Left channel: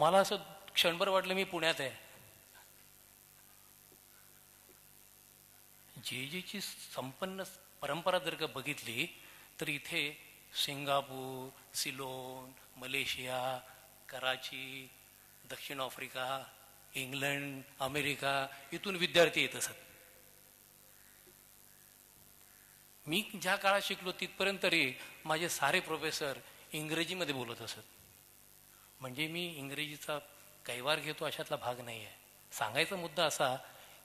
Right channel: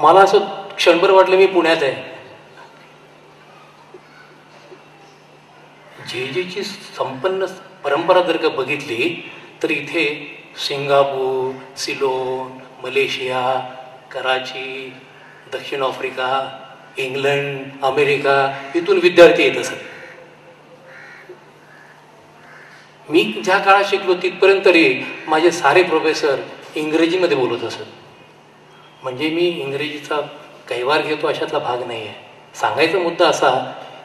मला असं क्षणभर वाटलं मी पुण्यात आहे. जेजेची संपन्न परंपरा जर का बघितली तर इथे सिंगापूर, सिलोन, मलेशिया, कराची, दक्षिण आफ्रिका, इंग्लंड, अमेरिका इथून विद्यार्थी येत असत. मी ज्या काळात शिकलो तिथपर्यंत तरी माझे सारे प्रोफेसर इंग्रजीमध्ये बोलत असत. म्हणजे मी इंग्रजीचा कैवार घेतो अशातला भाग नाही आहे. सांगायचा मुद्दा असा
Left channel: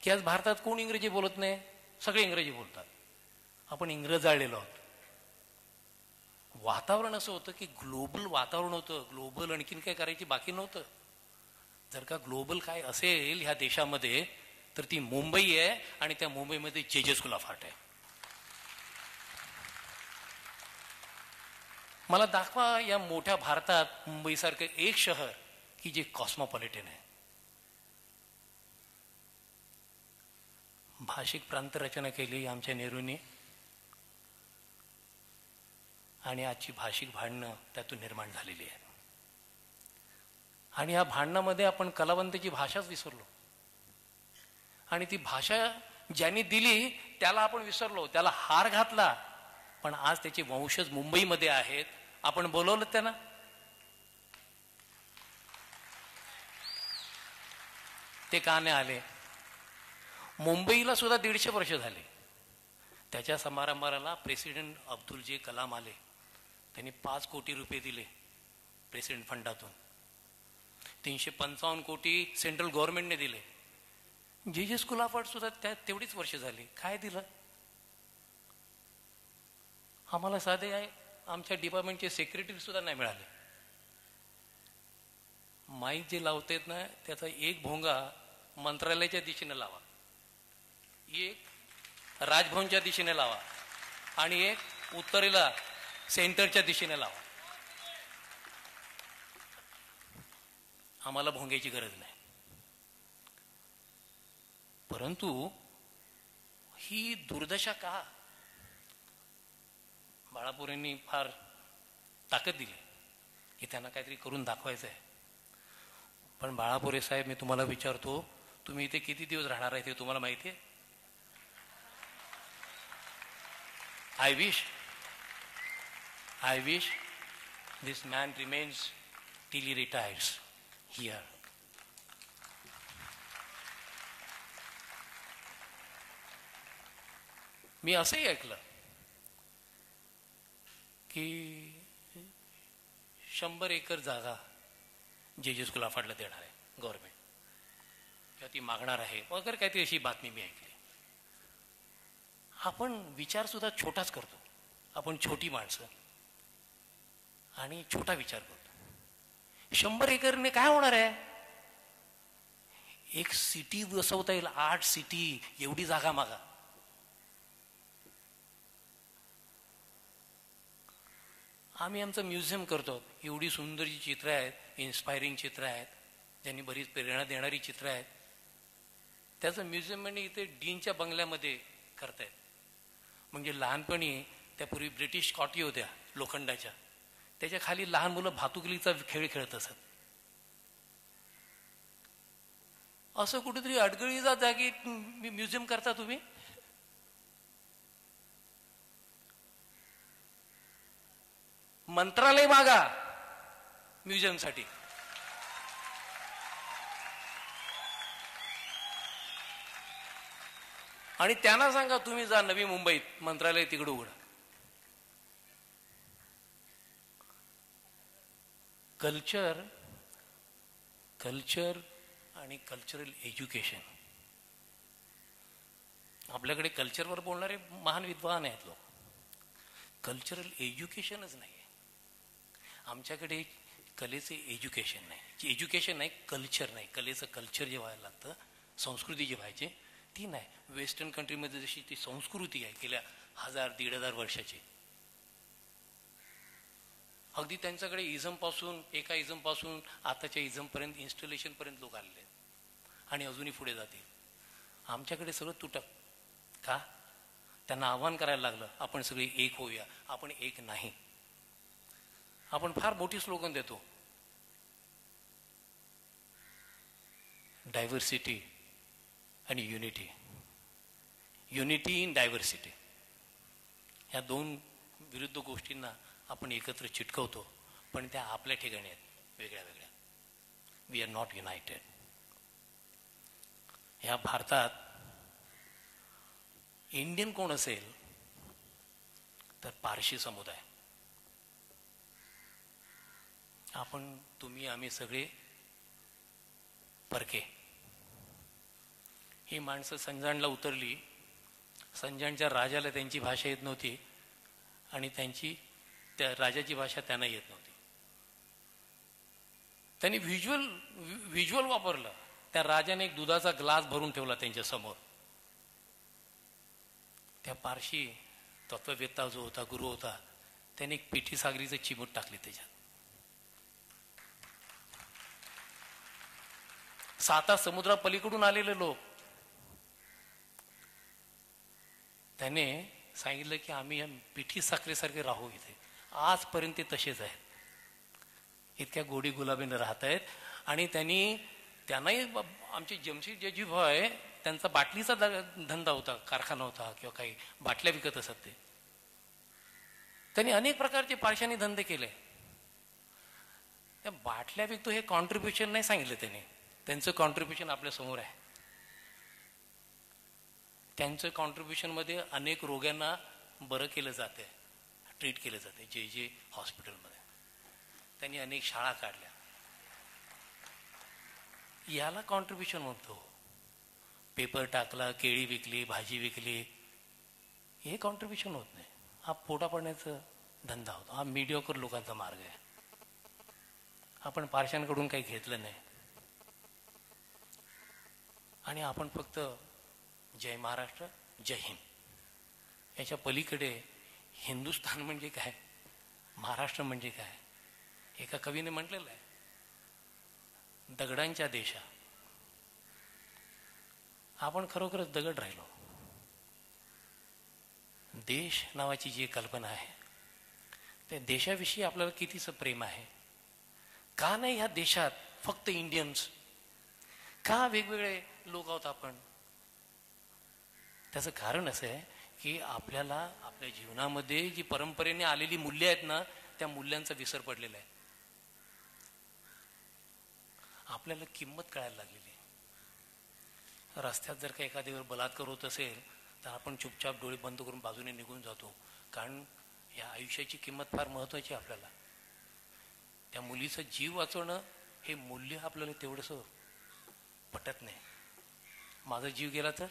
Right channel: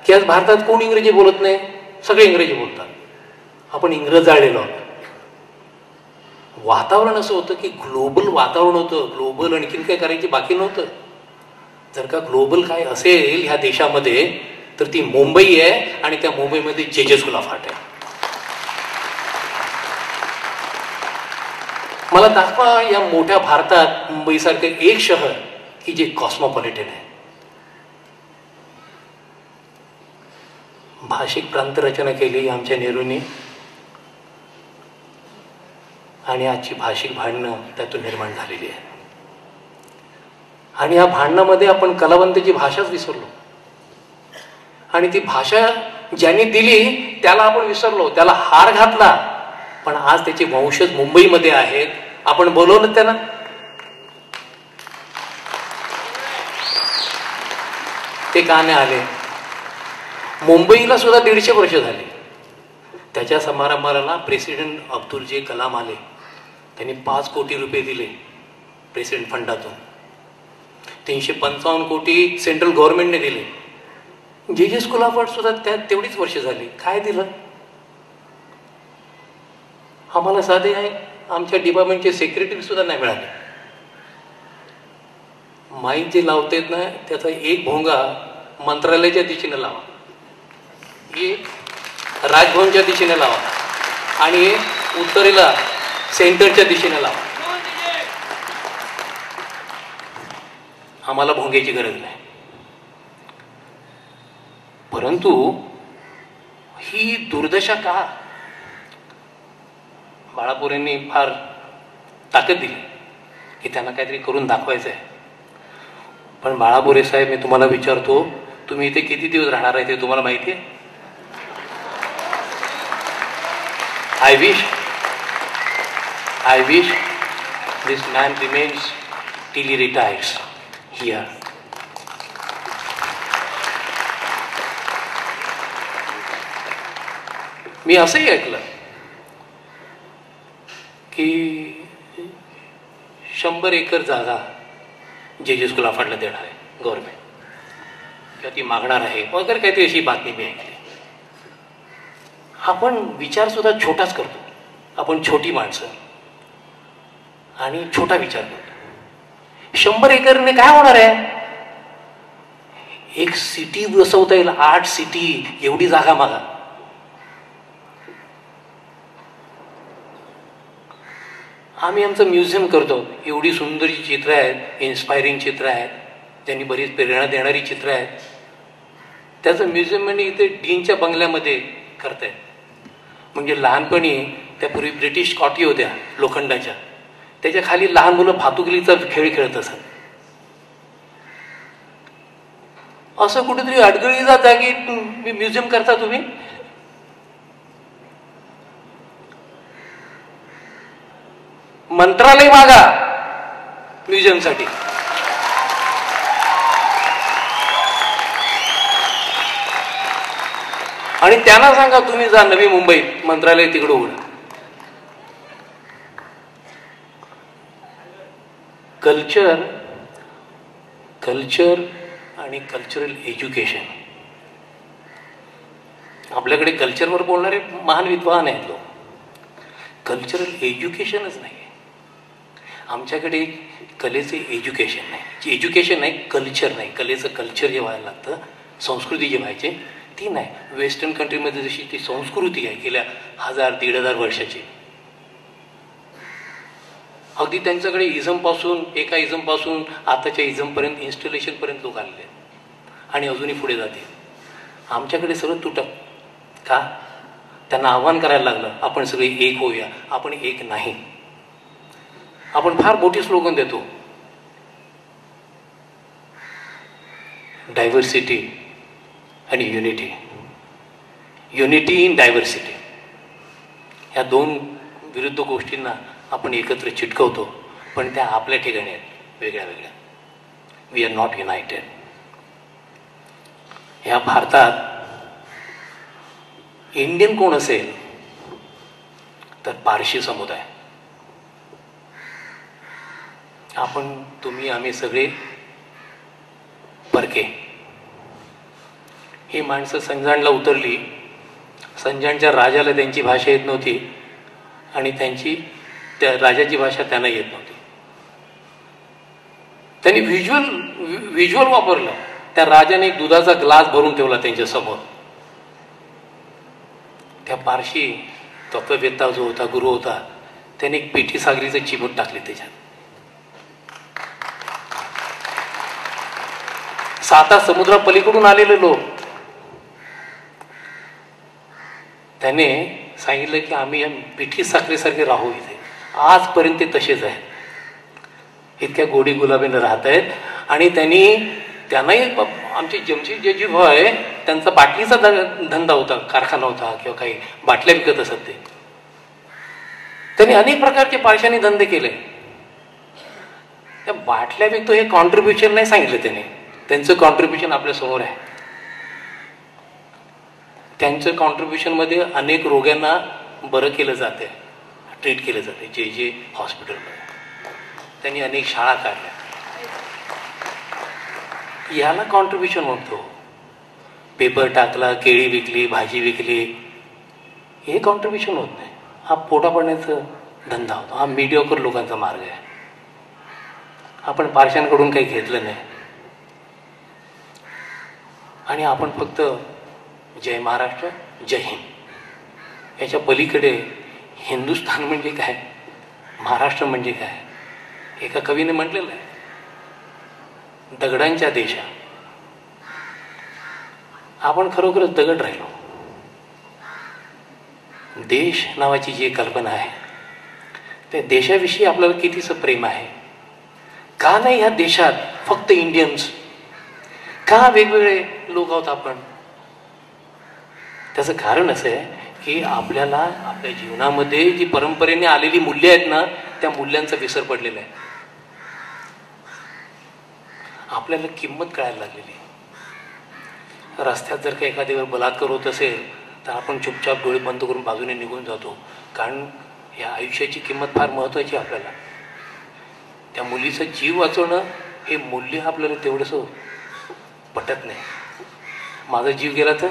की आज भारतात कोण इंग्रजी बोलत नाही, सगळे इंग्रजी बोलतात. आपण इंग्रज जाळलेलो आहोत. वातावरण असं होतं की ग्लोबल वातावरण होतं. ग्लोबल आणखीन काय करायची बाकी नव्हतं. जर का ग्लोबल काय असेल ह्या देशामध्ये तर ती मुंबई आहे आणि त्या मुंबईमध्ये जे सुलाफाट आहे. मला दाखवा या मोठ्या भारतात मुंबईसारखं एक शहर की जे कॉस्मोपॉलिटन आहे. भाषिक प्रांतरचना केली आमच्या नेहरूंनी आणि आजची भाषिक भांडणं त्यातून निर्माण झालेली आहे. आणि या भांडणामध्ये आपण कलावंताची भाषाच विसरलो. आणि ती भाषा ज्यांनी दिली त्याला आपण विसरलो, त्याला हार घातला. पण आज त्याचे वंशज मुंबईमध्ये आहेत. आपण बोलवलं त्यांना. ते का नाही आले? मुंबईला सुद्धा 150 वर्ष झाली. त्याच्या समारंभाला प्रेसिडेंट अब्दुल जे कलाम आले. त्यांनी 5 कोटी रुपये दिले प्रेसिडेंट फंडातून. 355 कोटी सेंट्रल गव्हर्नमेंटने दिले. जे स्कूलाफाट सुद्धा त्यात तेवढीच वर्ष झाली. काय दिलं? आम्हाला साधे आहे आमच्या डिपार्टमेंटचे सेक्रेटरी सुद्धा नाही मिळाले. माईक जे लावतेत ना त्याचा एक भोंगा मंत्रालयाच्या दिशेने लावा, एक राजभवनच्या दिशेने लावा आणि उत्तरेला सेंटरच्या दिशेने लावा. आम्हाला भोंग्याची गरज नाही. परंतु ही दुर्दशा का? बाळापूरांनी फार ताकद दिली की त्यांना काहीतरी करून दाखवायचं आहे. पण बाळापुरे साहेब, मी तुम्हाला विचारतो, तुम्ही इथे किती दिवस राहणार आहे ते तुम्हाला माहिती आहे? I wish this man remains till he retires here. मी असंही ऐकलं की 100 एकर जागा जे स्कूलाफाटला देणार आहे गव्हर्नमेंट, किंवा ती मागणार आहे वगैरे काहीतरी अशी बातमी मी ऐकली. आपण विचार सुद्धा छोटाच करतो. आपण छोटी माणसं आणि छोटा विचार करतो. 100 एकरने काय होणार आहे? एक सिटी बसवता येईल. 8 सिटी एवढी जागा मागा. आम्ही आमचं म्युझियम करतो. एवढी सुंदर चित्र आहेत, इन्स्पायरिंग चित्र आहेत, त्यांनी बरीच प्रेरणा देणारी चित्र आहेत. त्याचं म्युझियम आणि इथे डीनच्या बंगल्यामध्ये करतायत. म्हणजे लहानपणी त्यापूर्वी ब्रिटिश कॉटी होत्या लोखंडाच्या, त्याच्या खाली लहान मुलं भातुकलीचा खेळ खेळत असत. असं कुठेतरी अडगळीचा जागी म्युझियम करता तुम्ही? मंत्रालय मागा म्युझियमसाठी. आणि त्यांना सांगा तुम्ही जा नवी मुंबईत मंत्रालय तिकडे उघडा. कल्चर आणि कल्चरल एज्युकेशन. आपल्याकडे कल्चरवर बोलणारे महान विद्वान आहेत लोक. कल्चरल एज्युकेशनच नाही. आमच्याकडे कलेचे एज्युकेशन नाही. एज्युकेशन नाही, कल्चर नाही. कलेचं कल्चर जे व्हायला लागतं, संस्कृती जी व्हायची ती नाही. वेस्टर्न कंट्रीमध्ये जशी ती संस्कृती आहे गेल्या 1000-1500 वर्षाची, अगदी त्यांच्याकडे इझमपासून, एका इझमपासून आताच्या इझमपर्यंत, इन्स्टॉलेशनपर्यंत लोक आलेले आहेत आणि अजूनही पुढे जातील. आमच्याकडे सगळं तुटक का? त्यांना आव्हान करायला लागलं आपण सगळे एक होऊया. आपण एक नाही. आपण फार मोठी स्लोगन देतो डायव्हर्सिटी आणि युनिटी. युनिटी इन डायव्हर्सिटी, ह्या दोन विरुद्ध गोष्टींना आपण एकत्र चिटकवतो, पण त्या आपल्या ठिकाणी आहेत वेगळ्या वेगळ्या. We are not united. ह्या भारतात इंडियन कोण असेल तर पारशी समुदाय. आपण, तुम्ही, आम्ही सगळे परके. ही माणसं संजाणला उतरली. संजाणच्या राजाला त्यांची भाषा येत नव्हती आणि त्या राजाची भाषा त्यांना येत नव्हती. त्यांनी व्हिज्युअल वापरलं. त्या राजाने एक दुधाचा ग्लास भरून ठेवला त्यांच्या समोर. त्या पारशी तत्ववेत्ता जो होता, गुरु होता, त्याने एक पिठी सागरीचं चिमूट टाकले त्याच्यात. 7 समुद्रापलीकडून आलेले लोक, त्याने सांगितलं की आम्ही या पिठी साखरेसारखे राहू इथे. आजपर्यंत ते तसेच आहेत, इतक्या गोडी गुलाबीने राहत आहेत. आणि त्यांनाही आमचे जमशेदजी भाऊ आहे, त्यांचा बाटलीचा धंदा होता, कारखाना होता किंवा काही बाटल्या विकत असत ते. त्यांनी अनेक प्रकारचे पारशांनी धंदे केले. त्या बाटल्या विकतो हे कॉन्ट्रीब्युशन नाही सांगितलं त्याने. त्यांचं कॉन्ट्रीब्युशन आपल्या समोर आहे. त्यांचं कॉन्ट्रीब्युशनमध्ये अनेक रोग्यांना बरं केलं जाते, ट्रीट केलं जाते. जे हॉस्पिटलमध्ये त्यांनी अनेक शाळा काढल्या. याला कॉन्ट्रीब्युशन म्हणतो. पेपर टाकला, केळी विकली, भाजी विकली, हे कॉन्ट्रीब्युशन होत नाही. हा पोटा पाण्याचा धंदा होता. हा मीडियोकर लोकांचा मार्ग आहे. आपण पारशांकडून काही घेतलं नाही आणि आपण फक्त जय महाराष्ट्र, जय हिंद, याच्या पलीकडे हिंदुस्थान म्हणजे काय, महाराष्ट्र म्हणजे काय. एका कवीने म्हटलेलं आहे, दगडांच्या देशा. आपण खरोखरच दगड राहिलो. देश नावाची जी कल्पना आहे, त्या देशाविषयी आपल्याला कितीचं प्रेम आहे. का नाही ह्या देशात फक्त इंडियन्स, का वेगवेगळे लोक आहोत आपण. त्याचं कारण असं आहे की आपल्याला आपल्या जीवनामध्ये जी परंपरेने आलेली मूल्य आहेत ना, त्या मूल्यांचा विसर पडलेला आहे. आपल्याला किंमत कळायला लागलेली. रस्त्यात जर का एखाद्यावर बलात्कार होत असेल तर आपण चुपचाप डोळे बंद करून बाजूने निघून जातो, कारण या आयुष्याची किंमत फार महत्वाची आपल्याला. त्या मुलीचा जीव वाचवणं हे मूल्य आपल्याला तेवढंसं पटत नाही. माझा जीव गेला तर